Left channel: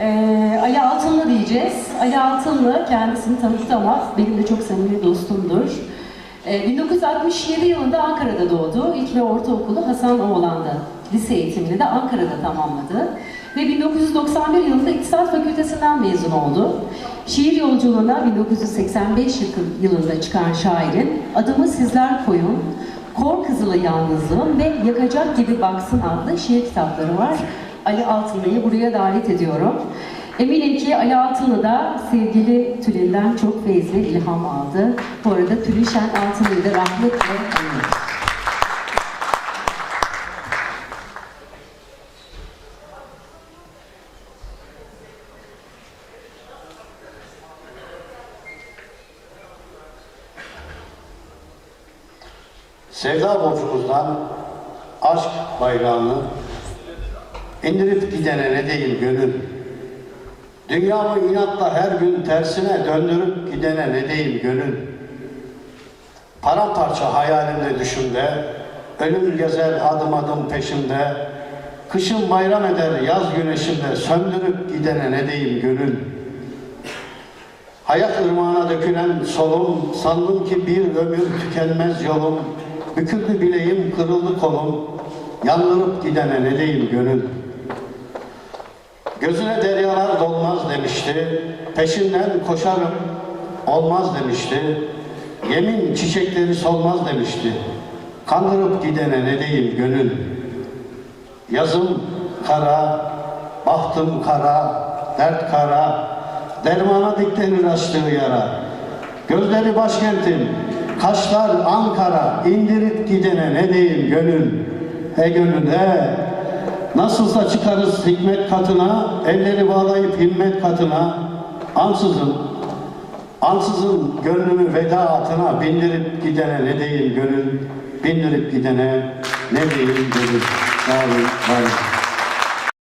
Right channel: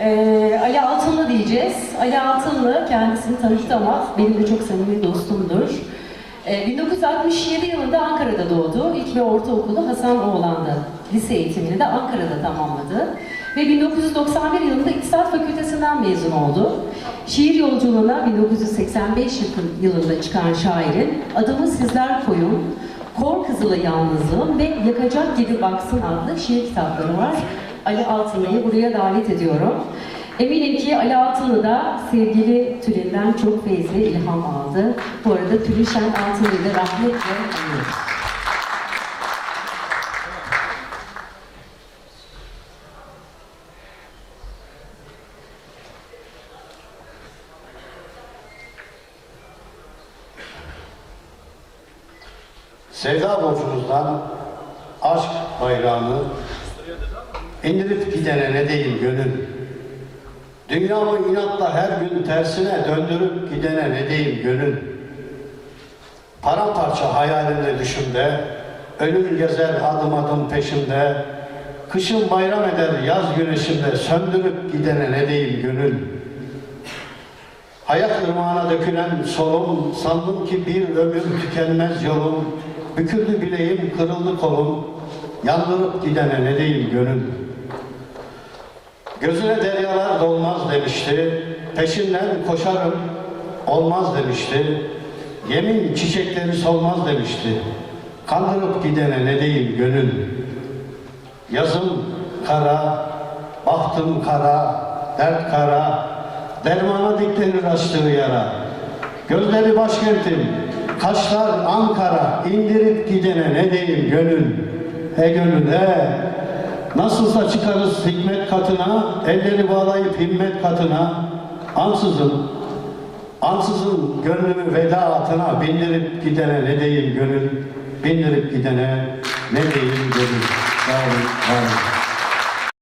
Ee, Ali Altınlı diyeceğiz. Ali Altınlı kendisini tanıttı ama benim de çok samimi dostumdur. Ee, 1967 yılında Ankara'da doğdu. İlk ve ortaokulu Hasan Oğlan'da. Lise eğitimini de Ankara'da tamamladı. Ve 1991 yılında İktisat Fakültesinden mezun oldu. Şiir yolculuğuna 1985 yıl- yılında çıkan şairin Adımı Sizler Koyun, Kor Kızılı Yalnızlığım ve Yakacak Gibi Baksın adlı şiir kitapları var. Ali Altınlı'yı buraya davet ediyorum. Eminim ki Ali Altınlı da sevgili Tülin'den çok feyizli ilham aldı. Bu arada Tülin Şen Altınlı'yı da rahmetle anıyoruz. Sevda borcumuzdan aşk bayrağını indirip gidene ne diyeyim gönül. Dünyamı inatla her gün tersine döndürüp gidene ne diyeyim gönül. Paramparça hayalinde düşümde, ölüm gezer adım adım peşimde, kışın bayram eder yaz güneşinde söndürüp gidene ne diyeyim gönül. Hayat ırmağına dökülen solum, sandım ki bir ömür tükenmez yolum. Büküldü bileğim, kırıldı kolum, yandırıp gidene ne diyeyim gönül. Gözüne deryalar dolmaz demişti, peşinden koşarım, olmaz demişti. Yemin çiçekleri solmaz demişti, kandırıp gidene ne diyeyim gönül. Yazım kara, bahtım kara, dert kara, dermana diklenir açtığı yara. Gözleri başkentim, kaşlar Ankara, indirip gidene ne diyeyim gönül. He gönül he, nasılsa çıkarız hikmet katına, elleri bağlayıp himmet katına, ansızın, ansızın gönlümü veda atına, bindirip gidene ne diyeyim gönül, bindirip gidene ne diyeyim gönül. Sağ olun, var olun.